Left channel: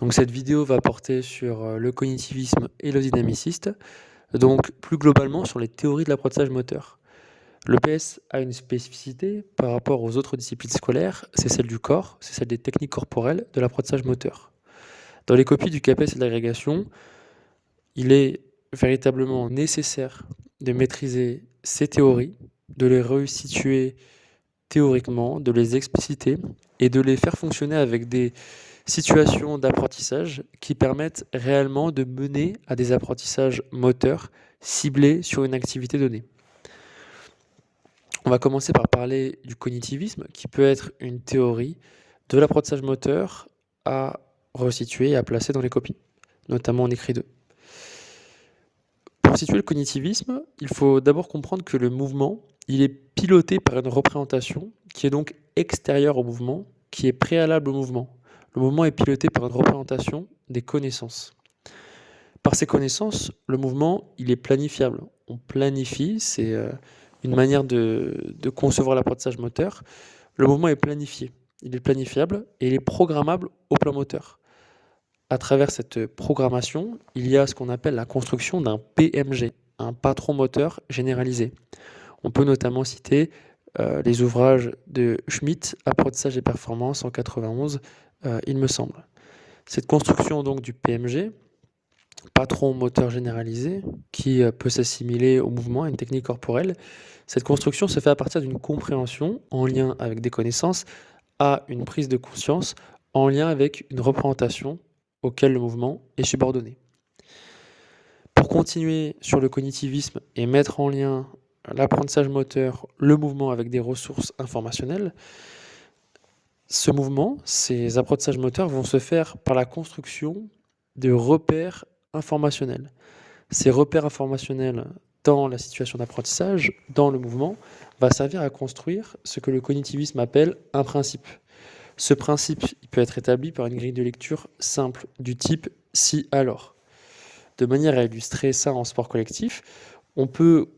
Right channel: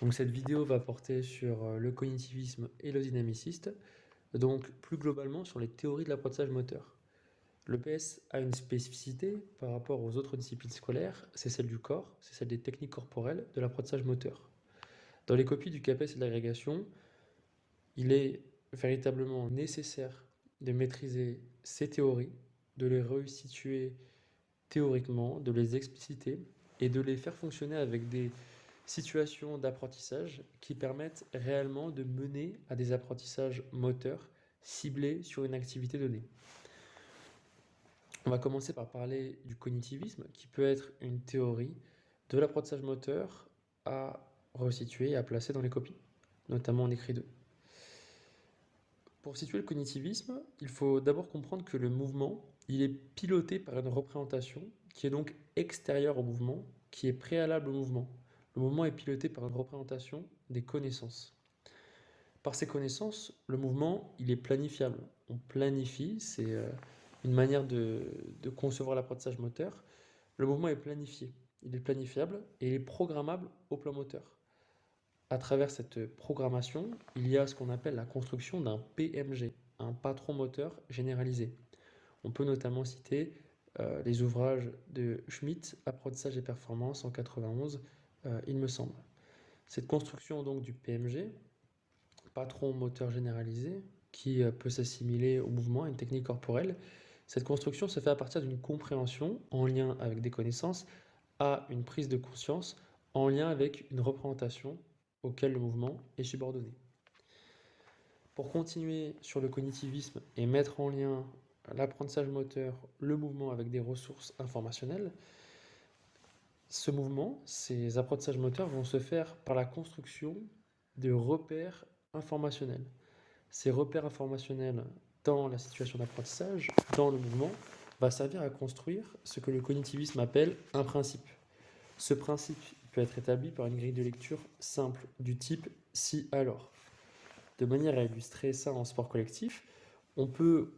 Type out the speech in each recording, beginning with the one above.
Donc cette vidéo va porter sur le cognitivisme et le dynamiciste, donc plus globalement sur les théories de l'apprentissage moteur. Le PS a une spécificité par rapport aux autres disciplines scolaires, c'est celle du corps, c'est celle des techniques corporelles de l'apprentissage moteur. Dans les copies du CAPES et de l'agrégation, il est véritablement nécessaire de maîtriser ces théories, de les resituer théoriquement, de les expliciter et de les faire fonctionner avec des situations d'apprentissage qui permettent réellement de mener à des apprentissages moteurs ciblés sur une activité donnée. On va commencer par parler du cognitivisme, qui peut être une théorie de l'apprentissage moteur à resituer et à placer dans les copies, notamment en écrit 2. Pour situer le cognitivisme, il faut d'abord comprendre que le mouvement, il est piloté par une représentation qui est donc extérieure au mouvement, qui est préalable au mouvement. Le mouvement est piloté par une représentation des connaissances. Par ces connaissances, le mouvement, il est planifiable. On planifie, c'est une manière de concevoir l'apprentissage moteur. Le mouvement est planifié, il est planifiable et il est programmable au plan moteur. À travers cette programmation, il y a ce qu'on appelle la construction d'un PMG, un patron moteur généralisé. On peut notamment citer les ouvrages de Schmitt, Apprentissage et performance en 91, il me semble. Cette construction donc du PMG, patron moteur généralisé, qui peut s'assimiler au mouvement, à une technique corporelle, cette construction se fait à partir d'une compréhension en lien avec des connaissances à une prise de conscience en lien avec une représentation auquel le mouvement est subordonné. Pour continuer sur le cognitivisme et mettre en lien l'apprentissage moteur, le mouvement avec des ressources informationnelles, ce mouvement, ces apprentissages moteurs vont se faire par la construction de repères informationnels. Ces repères informationnels dans la situation d'apprentissage, dans le mouvement, va servir à construire ce que le cognitivisme appelle un principe. Ce principe il peut être établi par une grille de lecture simple du type si alors. De manière à illustrer ça en sport collectif, on peut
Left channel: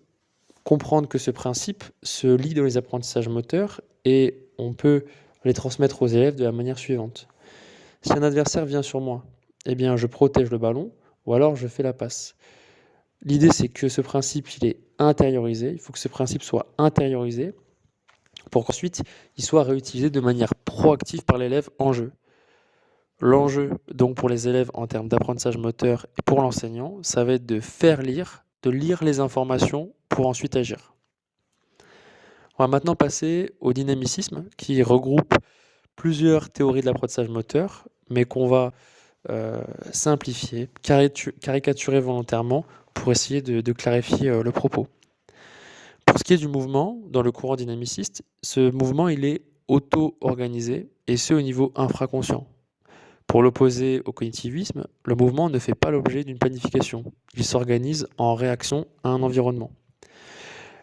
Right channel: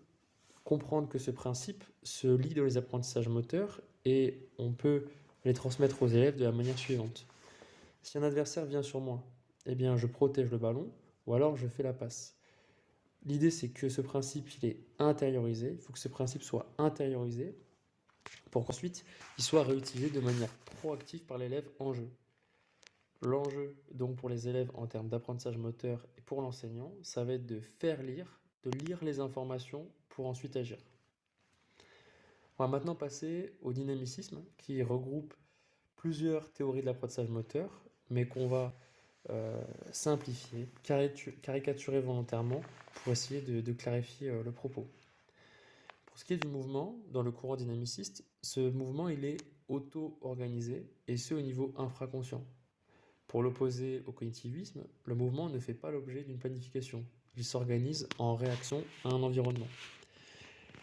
comprendre que ce principe se lie dans les apprentissages moteurs et on peut les transmettre aux élèves de la manière suivante. Si un adversaire vient sur moi, eh bien je protège le ballon ou alors je fais la passe. L'idée c'est que ce principe il est intériorisé, il faut que ce principe soit intériorisé pour qu'ensuite il soit réutilisé de manière proactive par l'élève en jeu. L'enjeu donc pour les élèves en termes d'apprentissage moteur et pour l'enseignant, ça va être de faire lire, de lire les informations pour ensuite agir. On va maintenant passer au dynamicisme qui regroupe plusieurs théories de l'apprentissage moteur, mais qu'on va simplifier, caricaturer volontairement pour essayer de clarifier le propos. Pour ce qui est du mouvement, dans le courant dynamiciste, ce mouvement il est auto-organisé et ce au niveau infraconscient. Pour l'opposer au cognitivisme, le mouvement ne fait pas l'objet d'une planification. Il s'organise en réaction à un environnement.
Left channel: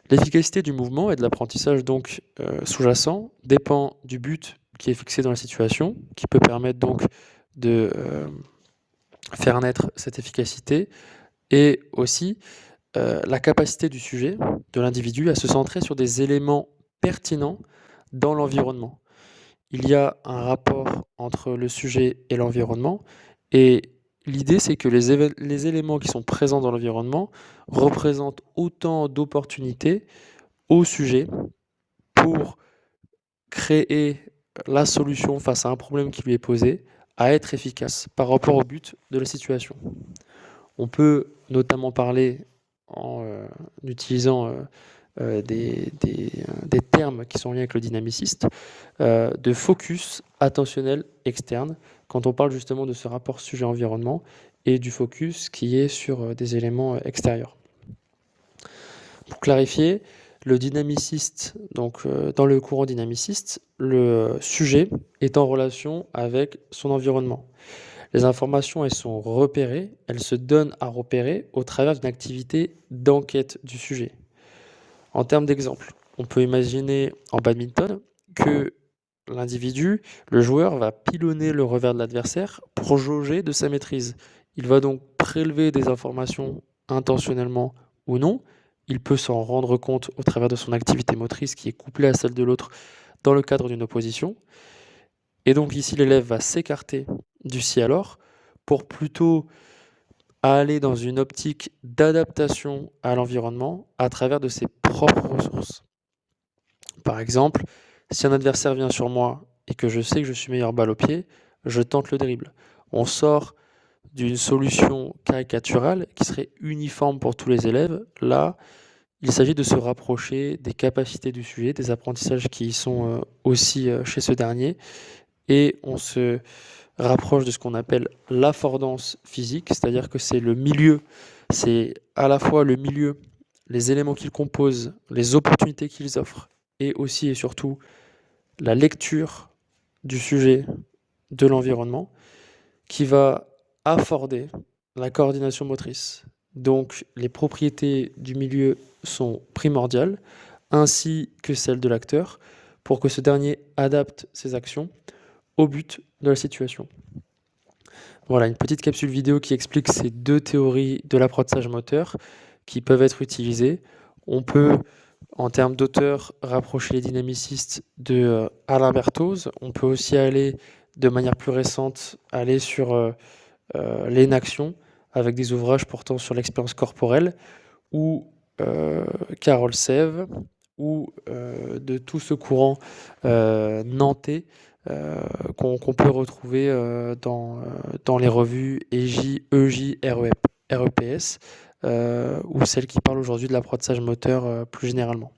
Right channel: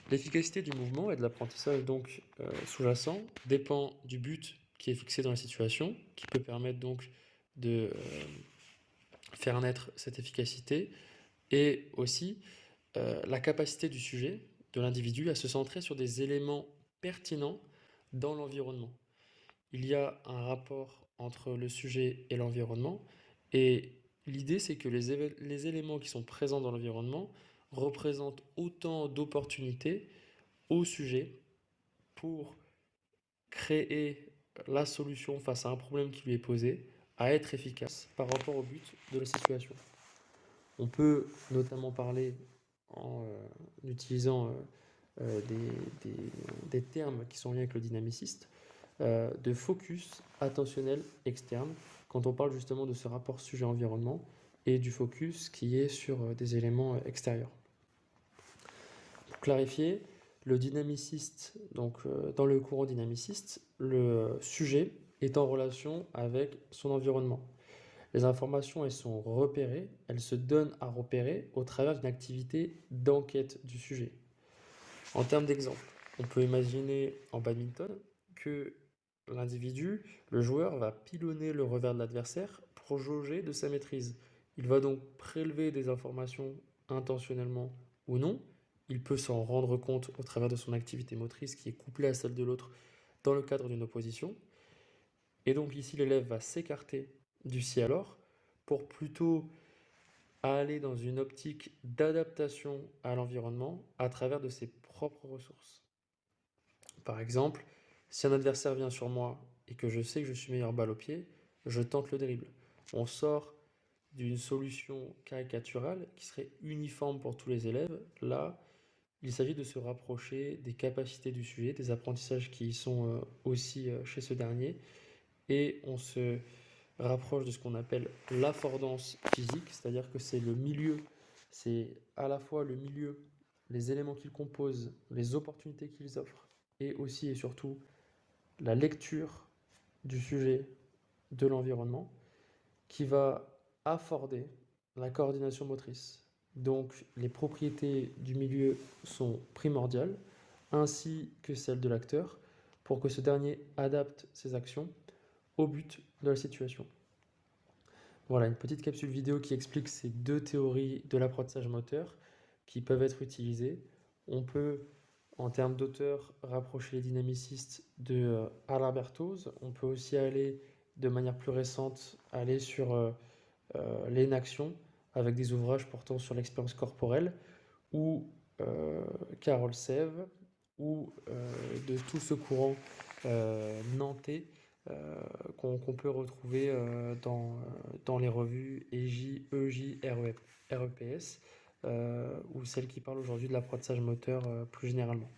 L'efficacité du mouvement et de l'apprentissage donc sous-jacent dépend du but qui est fixé dans la situation, qui peut permettre donc de faire naître cette efficacité, et aussi la capacité du sujet, de l'individu, à se centrer sur des éléments pertinents dans l'environnement. Il y a un rapport entre le sujet et l'environnement, et l'idée c'est que les éléments qui sont présents dans l'environnement représentent autant d'opportunités au sujet pour créer la solution face à un problème qui lui est posé, à être efficace par rapport au but de la situation. On peut notamment parler en utilisant des termes qui sont liés avec le dynamiciste, de focus attentionnel externe, quand on parle justement de ce rapport sujet-environnement, et du focus qui est sur des éléments extérieurs. Pour clarifier, le dynamiciste, donc dans le courant dynamiciste, le sujet est en relation avec son environnement. Les informations, elles sont repérées, elles se donnent à repérer au travers d'une activité d'enquête du sujet. En termes d'exemple, on peut imaginer en badminton que l'individu, le joueur, va pilonner le revers de l'adversaire pour jauger de sa maîtrise. Il va donc prélever des informations intentionnellement ou non. Il peut s'en rendre compte au travers de son activité motrice qui est couplée à celle de l'autre dans le cadre d'une opposition. Et donc ici, l'élève va s'écarter du si alors pour plutôt aller dans une optique d'adaptation à l'environnement à travers de ses propres ressources. Par exemple, si un adversaire vient sur moi et que je sais que je suis meilleur balle au pied, je tente le dribble. On sort d'une solution caricaturale qui serait uniforme pour tous les élèves. Là, il s'agit de se rapprocher des capacités du sujet, des apprentissages qui y sont aussi chez ce dernier, et on se rapproche de ce qu'on appelle l'affordance physique, c'est-à-dire que c'est le milieu, c'est à la fois le milieu, les éléments qu'ils composent, les opportunités qu'ils offrent, et aussi et surtout la lecture du sujet, de l'environnement, qui va afforder la coordination motrice. Donc les propriétés du milieu sont primordiales, ainsi que celles de l'acteur, pour que ce dernier adapte ses actions au but de la situation. Voilà, une petite capsule vidéo qui explique ces deux théories de l'apprentissage moteur qui peuvent être utilisées. On peut, en termes d'auteur, rapprocher les dynamicistes de Alain Berthoz. On peut aussi aller, de manière plus récente, aller sur l'énaction, avec des ouvrages portant sur l'expérience corporelle, ou Carole Sèvres, ou de tout ce courant nantais qu'on peut retrouver dans les revues EJ, REPS, ou celles qui parlent aujourd'hui de l'apprentissage moteur plus généralement.